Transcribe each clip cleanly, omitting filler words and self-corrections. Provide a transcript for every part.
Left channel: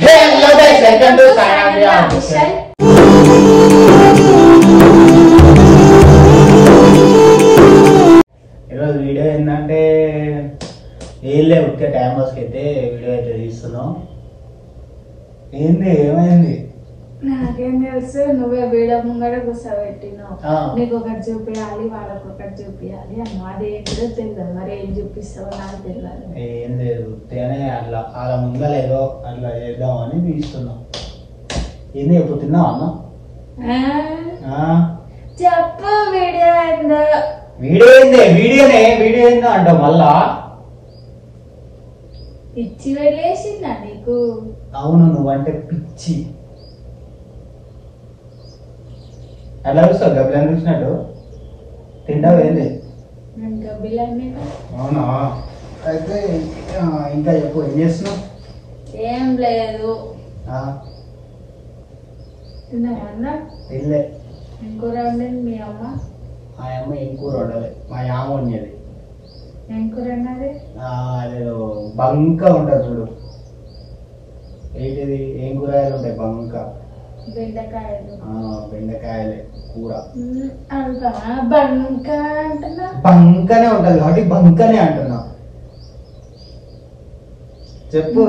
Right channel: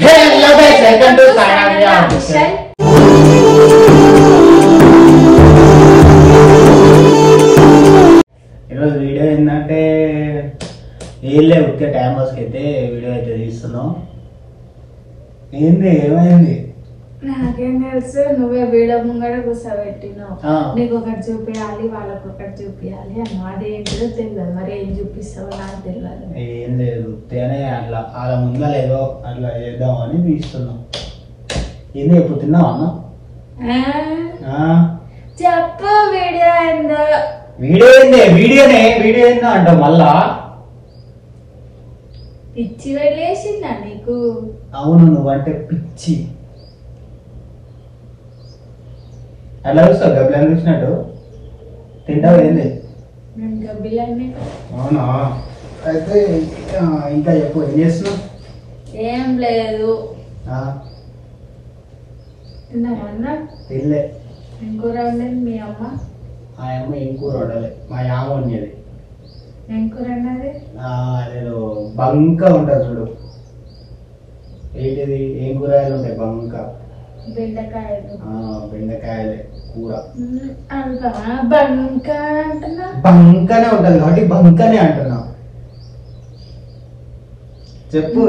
Hello guys, welcome to Sanavya Official. ఈరోజు video ఏంటంటే ఏళ్ళే ఉట్టే time పాస్కి అయితే వీడియో అయితే తీస్తున్నాం. ఏంది ఏమైంది? నాకేం తెలుసు, నువ్వే వీడియో ముంగడ కూర్చోబెట్టినావు. నీకు ఒకటి చూపించాలి, వాళ్ళకి ఒకటి చూపించాలి అని. అదేంటో తెలియదు, మరి ఏం చూపిస్తావు నాకు తెలియదు. ఏం లేదు, అట్లా అలా ముందా లేదో అట్లా చేద్దాం అని తీస్తున్నాం. ఏంది ఎప్పుడు తిన్నావా అన్న? చెప్పు వీడియో ఏందో. వీడియో ఏంది? వీడియో ఏందో అంటావు మళ్ళా. పిచ్చి వెళ్ళేసిందా నీకు? అవును, నువ్వంటే పిచ్చి. అట్లా చూస్తావు గబ్బిలని చూసినట్టు తింటావు. ఏంది అవునా? అయితే ఇంకా ఎక్కువ ఏం చేస్తున్నావు? ఏం లేదు. తిన్నామన్నా? తినలే. ఏం కూర వండింది మీ అమ్మ? ఆ అమ్మ ఏం కూర వండలే, మా యామ వండేది. ఏం కూర అన్నది? అదేదో బంక ఉంటుంది చూడు, ఏంటిది ఏం కూరగాయలు ఉంటాయి బంక? బెండకాయలు. బెండకాయలే కూర. బంక అంటున్నా? బంకనే ఉంటది కాబట్టి బంకనే అంటున్నా. చెప్పు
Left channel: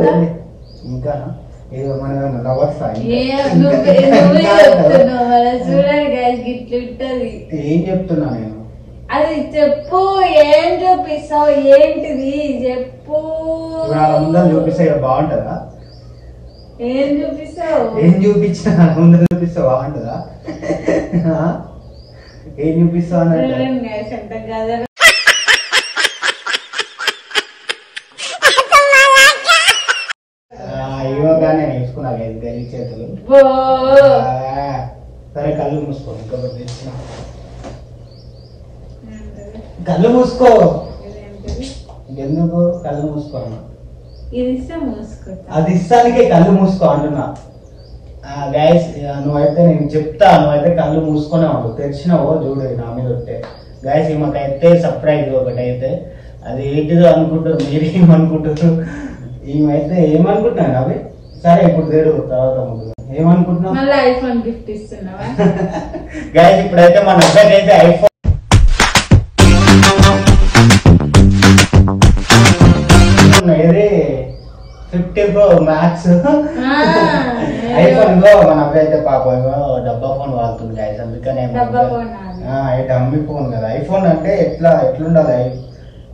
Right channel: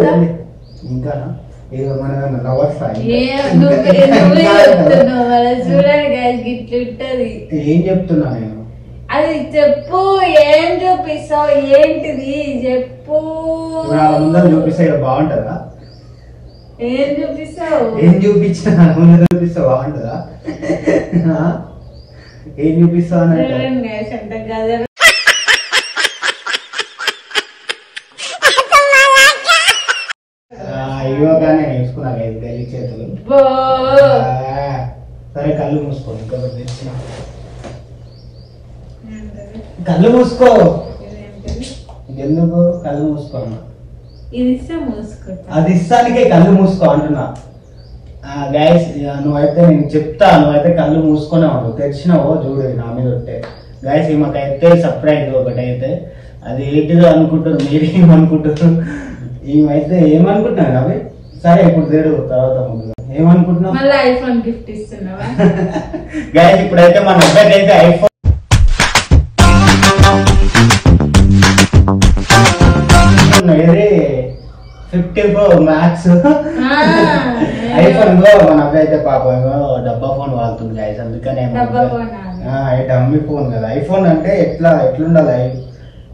ఇంకా ఏదో మన ఏం చెప్తున్నా నేను? అది చెప్పు, ఏం చూపిస్తావు, ఏంటిది చెప్పు. ముందర చూపిస్తే బాగుంటదా? ఏం చూపిస్తావు? ఏం చూపించినా ముందర చూపిస్తే బాగుంటదా? ఏం చూపిస్తావు అన్నట్టు ఇవ్వగానే నేర్చుకున్నా గది చేతులు. సరే కళ్ళు మూసుకో, ఇంకొకటి కళ్ళు మూసుకో. ఎందుకు కళ్ళు మూసుకో? అది ఇస్తానికే కళ్ళు మూసుకో అంటున్నా. గైస్ నువ్వైతే నేను చెప్తా, నువ్వైతే కళ్ళు మూసుకునే ఉండు. తెచ్చినావో చూడు నా మీద ఉంటే. గైస్ మాకైతే సర్ప్రైజ్ ఒకటి అయితే, అది ఏంటిదో అనుకుంటారు, మీరు ఏమనుకుంటారు? ఈమెయితే ఏమనుకుంటున్నారు అవి? సరే ఇప్పుడు తేడు తర్వాత ఏమనుకుంటున్నావు? మళ్ళీ ఐఫోన్ గిఫ్ట్ ఇస్తున్నావా? గైస్ ఇప్పుడైతే మన అబ్బాయికైతే ఐఫోన్ 15 Pro Max ఐఫోన్ లో మన అబ్బాయి అయితే పాపం డబ్బా ఫోన్ వాడుతుంది గైస్. అందుకనే డమ్మీ ఫోన్ కదా. ఐఫోన్ అంటే ఎట్లుండాలి?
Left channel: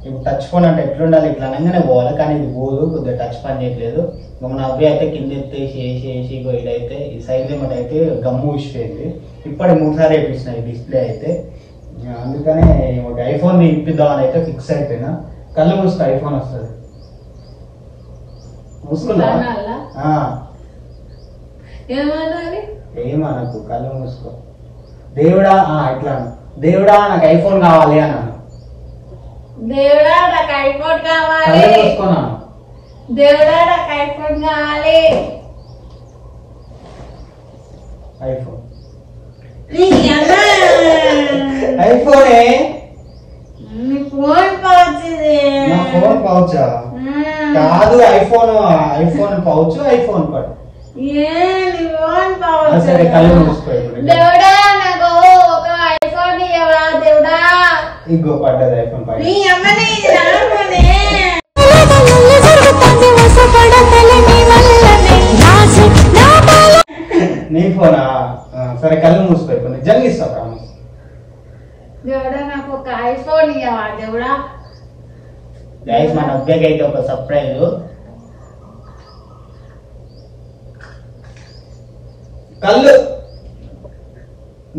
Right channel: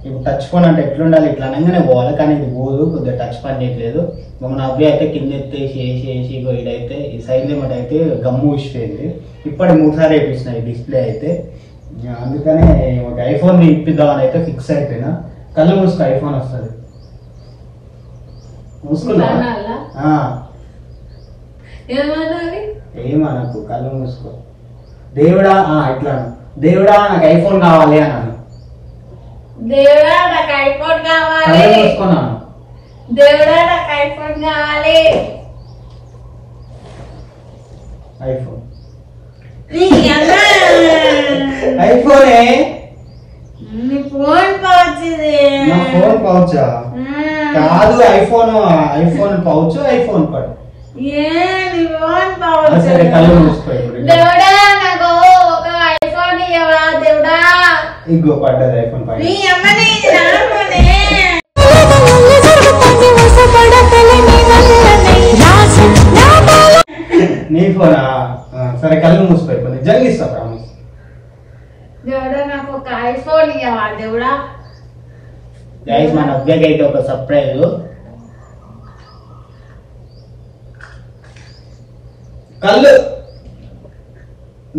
ఇప్పుడు టచ్ ఫోన్ అంటే ఎట్లుండాలి? ఇట్లా అనగానే పోవాలి, కానీ ఇది పోదు, కొద్దిగా టచ్ పని చేయట్లేదు. మన అబ్బాయి అయితే కింద ఎత్తేసి ఇదైతే ఈ సైజ్ ఏమంటే అయితే గమ్ము ఇచ్చిపోయింది. ఇప్పటి 3 సార్లు వేపిస్తున్నాయి డిస్ప్లే అయితే. అందుకనే ఒక ఐఫోన్ ఇప్పిద్దామని అయితే ఫిక్స్ అయిపోయినా. కళ్ళు మూసుకో, ఐఫోన్ వస్తుంది. మూసుకున్నా? ఏమనకు, కళ్ళు మూసుకో. దేవుడా ఇట్లా దేవుడా నాకు ఐఫోన్ కావాలి అన్నాను. దేవుడా నాకు ఐఫోన్ కావాలి. మూసుకున్నాను. దేవుడా నాకు ఐఫోన్ కావాలి. ఐఫోన్ ఐఫోనే ఫోన్ పౌచ్. ఫోన్ పౌచా? కాదు, ఐఫోన్ పౌచ్, ఐఫోన్ పౌచ్. కళ్ళు మూసుకో. దేవుడా నాకు ఒక ఐఫోన్ ఇవ్వవా దేవుడా? ఇగో పడ్డది ఐఫోన్ పై. నీ ఫోనా? సరే కళ్ళు మూసుకో, జల్గిస్తా. దేవుడా నాకు ఒక ఐఫోన్ ఇవ్వవా దేవుడా? గైస్ మన అబ్బాయికి అయితే ఒక సర్ప్రైజ్. కళ్ళు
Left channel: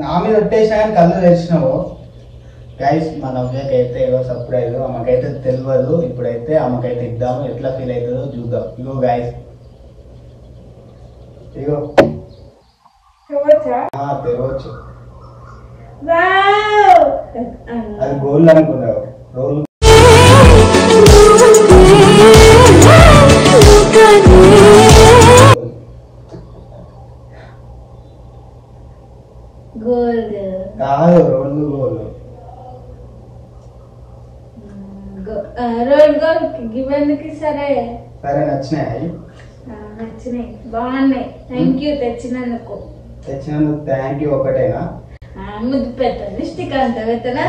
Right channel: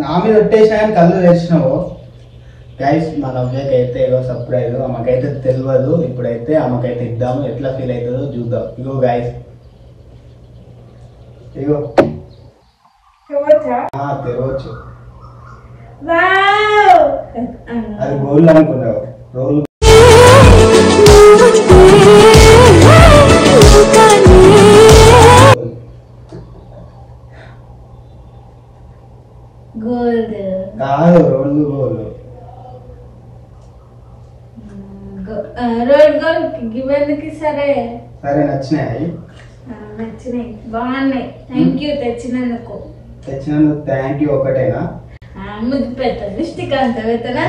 నా మీద వచ్చేసినా కానీ కళ్ళు తెచ్చినావు. గైస్ మన అబ్బాయికి అయితే ఏదో సర్ప్రైజ్. అమ్మకైతే తెలియదు. ఇప్పుడైతే అమ్మకైతే ఇద్దాము, ఎట్లా ఫీల్ అవుతుందో చూద్దాం. ఇగో గైస్, ఇగో తెరవచ్చు. అది గోల్డ్ అనుకున్నావు. రోల్ కాదు, రోల్ రోల్ గోల్ గివెందుకు? సరే సరే నచ్చినాయి. నచ్చినాయి, బాగున్నాయి. థ్యాంక్ యూ తెచ్చినందుకు. Thank you. ఒకటేనా? ముద్దు పెట్ట లిస్టిక్ అంత పెట్టనా?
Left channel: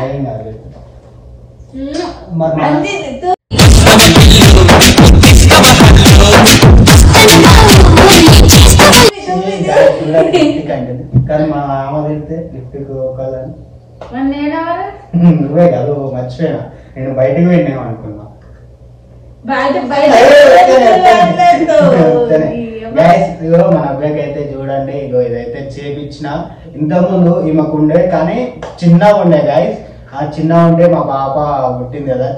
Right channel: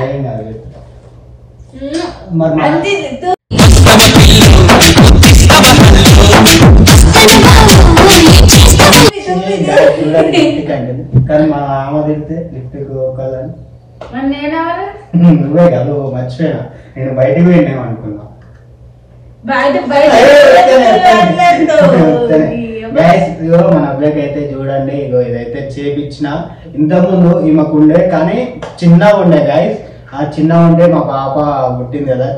కానీ మా ఆమె తిడితే లిఫ్ట్ ఒకళ్ళని నువ్వే కాదు మర్చిపోయినా. నేను బయటకు పోయినాం అనుకున్నా. మన అబ్బాయికి అయితే చూడండి, ఇగో ఇదైతే చేపించిన. ఇంతకుముందు ఈమెకు ఉండే కానీ చిన్నగా ఉండే గాయస్. ఆ చిన్నగా ఉండే మా పాప పుట్టింది కదా,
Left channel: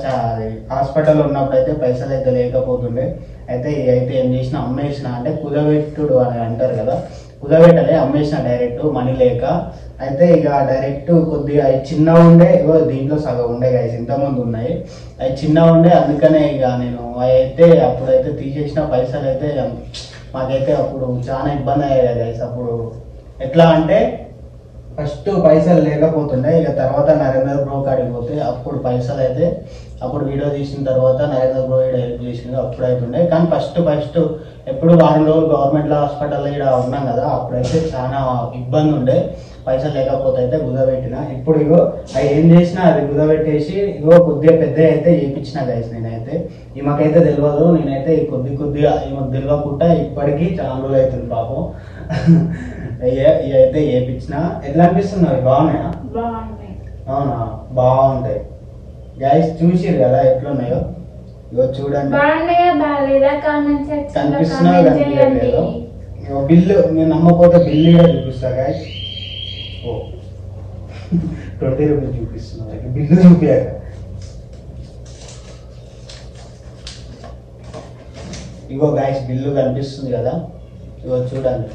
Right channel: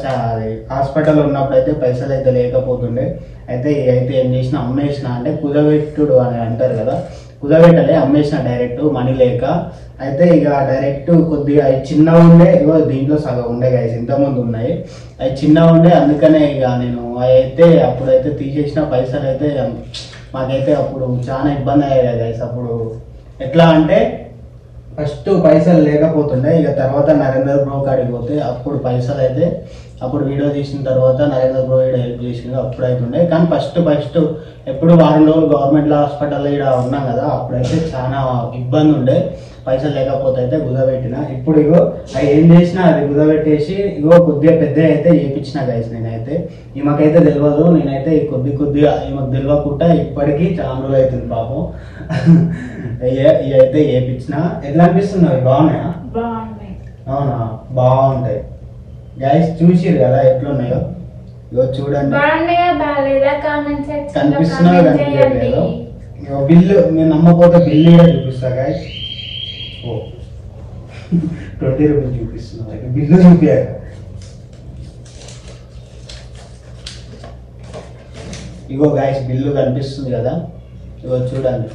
హాస్పిటల్ ఉన్నప్పుడు అయితే పైసలు అయితే లేకపోతుండే. అయితే అయితే ఏం చేసిన, అమ్మేసిన. అంటే కుదబెట్టుడు అని అంటారు కదా, కుదబెట్టలే, అమ్మేసిన డైరెక్ట్ మనీ లేక. అయితే ఇక డైరెక్ట్ కొద్దిగా చిన్నగా ఉండే, ఇగో దీంట్లో సగం ఉండే గాయస్. ఇంతకుముందు ఉన్నాయి అవి చిన్నగా ఉండే, అందుకనే ఇక నేను అయితే అప్పుడైతే తీసేసిన. పైసలు అయితే మాకైతే అప్పుడు చాలా ఇబ్బంది అయ్యాయి గైస్. అప్పుడు ఎట్లా అంటే ఫస్ట్ పైసలు లేకపోతుండే, ఇక తర్వాత నరేంద్ర బ్రో కాడికి పోతే అప్పుడు పైసలు అయితే, అప్పుడు వీడియో తీసిన తర్వాత నరేంద్ర బ్రో హెల్ప్ చేసింది, అప్పుడు అవుతుండే. కానీ ఫస్ట్ ఎప్పుడు వారం రోజులు గవర్నమెంట్ హాస్పిటల్ ఇక్కడ ఉన్నాం కదా, అప్పుడైతే చాలా ఇబ్బంది ఉండే. పైసలు లేకపోతే అయితే కుదబెట్టిన. ఇప్పుడు ఇగో అవి ఏం చేసినా అది కుదబెట్టేసి ఇగో కొద్దిగా పెద్ద అయితే చేయించిన గైస్. నేనైతే ఈమెకైతే తెలియదు, నేనైతే కొద్దిగా ఈమెకు తెలియకుండా ఇప్పటికీ చాలా రోజులు అవుతుంది పాపం. ఇవైతే చేయించిన. ఎట్లా అనిపిస్తున్నాయి? బాగున్నాయా? అవునా? బాగుంటాయి గైస్. చూసిరు కదా ఎట్లున్నాయో, ఇగో చూడండి. కనిపిస్తున్నాయో కనిపించలేదు. బిల్లు మీరు నమ్మకపోతే బిల్లు చూపిస్తా గైస్. 20 రూపీస్ చూపిస్తున్నా, బిల్లు చూపించాక. ఇగో గైస్ బిల్లు కనిపిస్తుంది కదా, ఇగో చూడండి.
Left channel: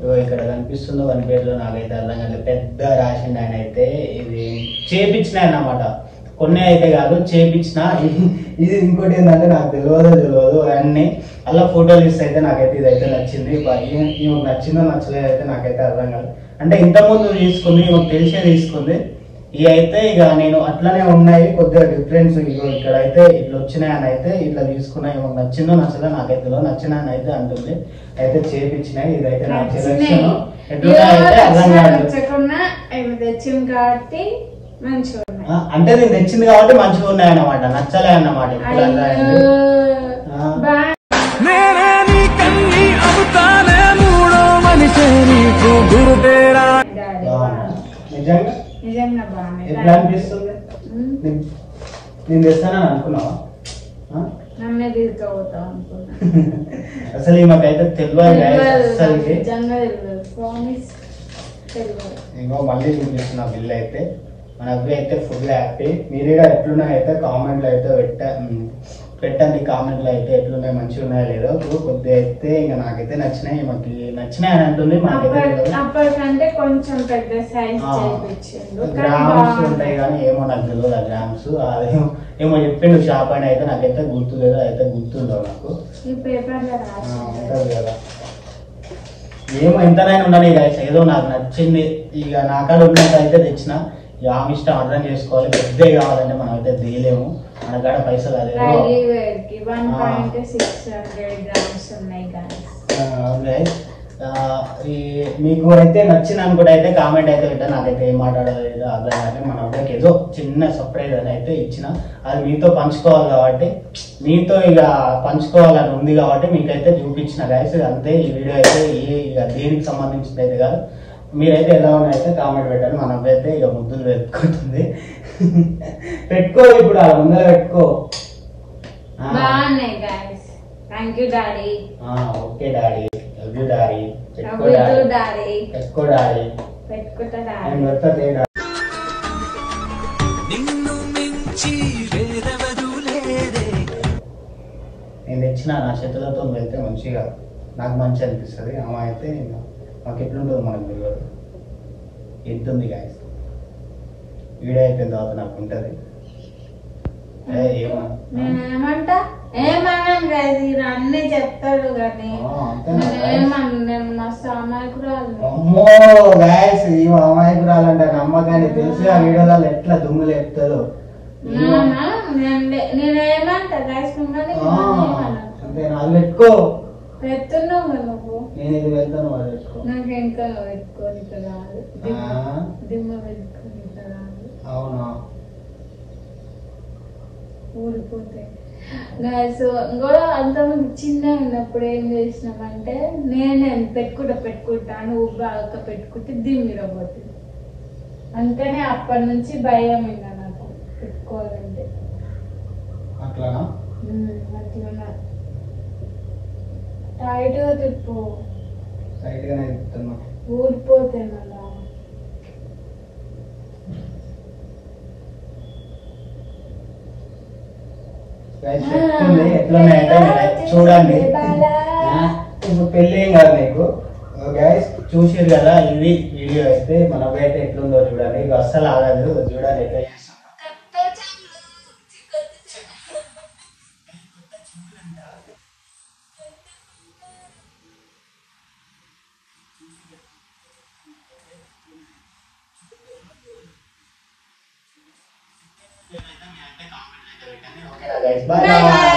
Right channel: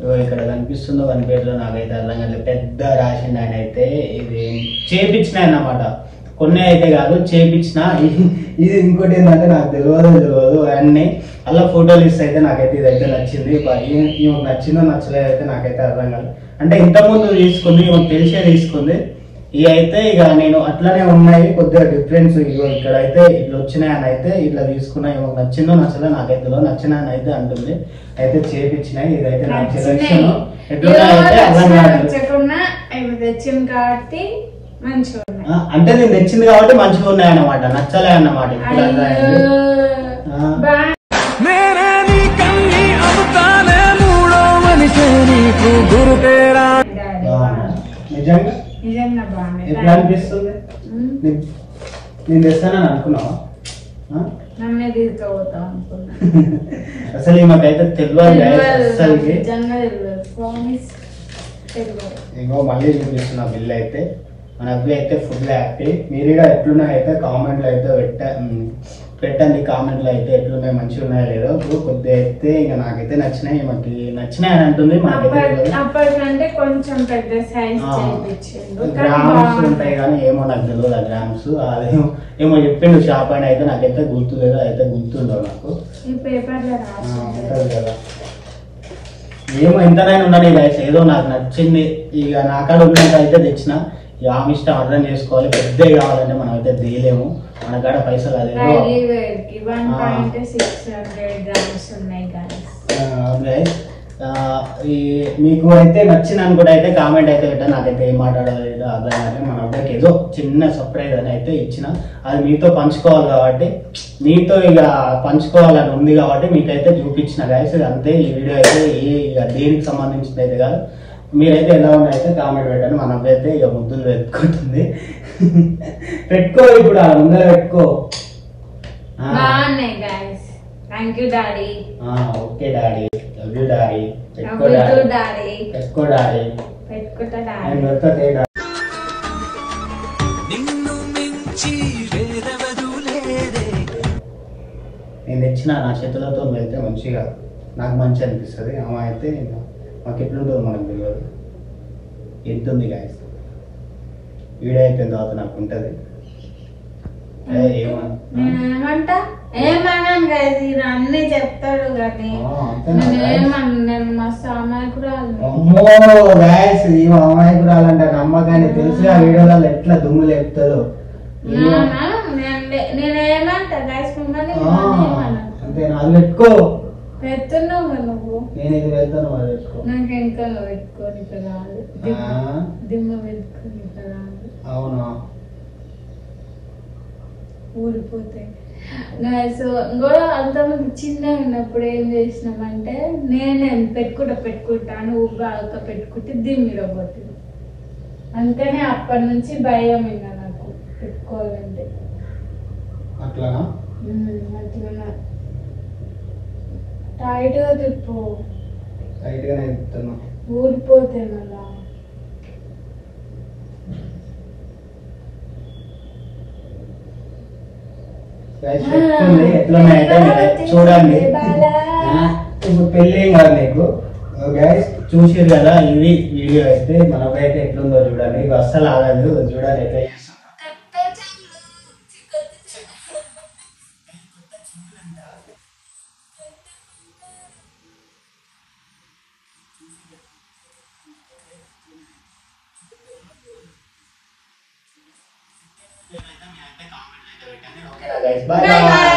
ఇగో ఇక్కడ కనిపిస్తుందో కనిపించదో నాకైతే అర్థం కాలేదు. పెద్ద రాసింది ఆయన అయితే. ఇది చేపించిన అన్నమాట, కొన్ని అయితే కాదు చేపించిన. ఇది ఇంకోటి ఏంటంటే నాకు తెలియదు అన్ని అలా ఫోటోలు ఇస్తే అయితే నాకైతే ఇదైతే నచ్చింది. నచ్చిందో నచ్చలేదు అయితే నాకైతే అర్థం కాదు. అంటే ఇంతకుముందు తీసుకుంది, తెలిసే తీసుకుంది. ఇవి అయితే ఇక నేను అట్లనే ఉన్నాయి, కొద్దిగా డిఫరెన్స్. ఇగో ఇక్కడ అయితే ఇట్లా వచ్చినాయని అయితే ఇట్లా తీసుకున్నాయి. నచ్చిందో నచ్చలేదు నాకైతే నచ్చినాయని అయితే అంటుంది. అయితే చేపించినాయి. ఇదైతే నాకు సెలక్షన్ అంటే నేను తెచ్చింది కాబట్టి మంచిగా ఉన్నాయి అన్నమాట, నచ్చలే అన్నమాట. నిజంగా ఎట్లా అనిపిస్తుంది? నేను తెస్తానని అనుకున్నావా? అసలు ఈమెకైతే తెలియదు. ఇంకో మళ్ళీ చూపిస్తున్నా బిల్ అయితే. మన అబ్బాయి అయితే ఫుల్ హ్యాపీ. మీరు ఎట్లున్నాయి అయితే కామెంట్లో అయితే పెట్టండి. కామెంట్లో అయితే ఎట్లున్నాయి, మంచిగా ఉన్నాయో లేదో. కొద్దిగా అయితే ఇంకా నాకైతే నచ్చినాయి, మనకి నచ్చినాయి అని అంటుంది. అప్పటికంటే కొంచెం పెద్ద సైజ్ చేయించిండు. గ్రామ్స్ ఉంటాయి కానీ ఏమో నాకు తెలియదు ఆ గ్రామ్స్. అదేమో ఏమో చెప్పిండు షాప్ అని, అయితే నాకైతే గుర్తులేదు. అయితే గుర్తుందో నాకు ఈ పేపర్లో ఉంటుంది కదా. ఏమో ఇంతనైనా ఉందని ఏదో నాకు నచ్చింది. ఇక నాకాడ ఉన్నంత అయితే తెచ్చిన. ఆమె ఇష్టం అర్థం చేసుకోవాలి. పెద్ద కావాలంటే మనం అయితే తీయలేము, మన కాడ పైసలు అదేదో. మీకు అయితే నచ్చింది అనుకుంటే అయితే కామెంట్ అయితే పెట్టా. నాకైతే ఏం మాట్లాడాలి అర్థం కాదు. మన అబ్బాయికి ఏదో చిన్న సర్ప్రైజ్ అని అయితే ఇచ్చిన. అది మీతో పంచుకోవాలి కాబట్టి, మీతో ఇక పంచుకోవాలని ఉంది కాబట్టి మీకైతే చూపించిన గైస్. అంతే. ఈ వీడియో అయితే దేనికి సంబంధించింది అయితే కాదు. మీరైతే ఎలా ఉన్నారైతే కామెంట్ పెట్టండి. మన అబ్బాయి అయితే ఇక ముద్దులు పెట్టుకుంటుంది. పెట్టుకో, ఇప్పుడు ఆ ముందర పెట్టుకో. Okay daddy, love you daddy. పెట్టుకో డాడీ. నేను తెచ్చిన నా చేతులతో వెళ్తే మంచిగా నాకు మంచి అనిపిస్తుంది. అమ్మ అయితే మాకు ఎట్లుంటుందో మనకు తెలియదు. ఎంతుంది గాయస్. వీడియో అయిపోయిన తర్వాత నాకు ఉంటుంది. అన్ని చెప్తాడు కానీ అమ్మో గాయస్, ఈ అమాయకురాలంటే నమ్మకాన్ని తెలిసి ఆ వీడియోలలో ఎట్లా దుమ్ములు ఎత్తారు. నేనేమంటా అంతే. అది పెట్టుకో. పెడుతున్నావు నువ్వు. నేను ఇది పెడతాను మరి పెట్టుకో. నాకు ఇంకా పెట్టుకోని కదా దిమ్మ పెట్టుకోని కదా. అవునా ఊడిపోతాయి. ఇంకో అంతమంది చిన్న ఉన్నప్పుడు ఏం చేసినామంటే నేనే పెట్టుకుంటా నువ్వు బాగా పెట్టుకుంటే దీని మీద పోతుంది. అంతేనే అప్పటి నుంచి భయం ఇంకా నాకు పెట్టుకోవాలంటే. అట్లానా? అట్లా టైట్ గా తిప్పు. టైట్ గానే తిప్పుతున్నా. ఊడిపోతే మళ్ళా. చూడండి ఇప్పుడు పెళ్ళి కాదు నీకు గైస్. చూసిరు కదా ఇది వీడియో అయితే మన అయితే ఎట్లుందో చూడండి. ఇది అస్సలు ఆగదు. చూడండి ఎట్లా Bye bye.